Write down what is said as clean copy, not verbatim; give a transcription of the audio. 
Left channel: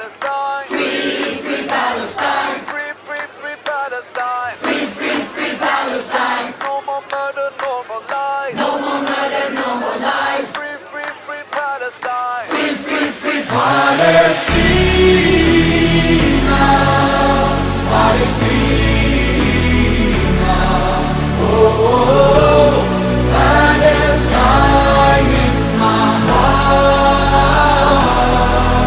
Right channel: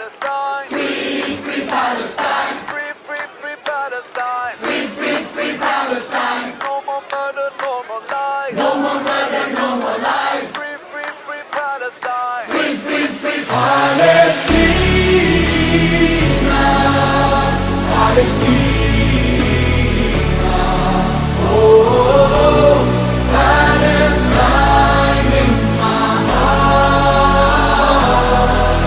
Palestine. Free, free Palestine. Free, free, free Palestine. Free, free, free Palestine. No more murder, no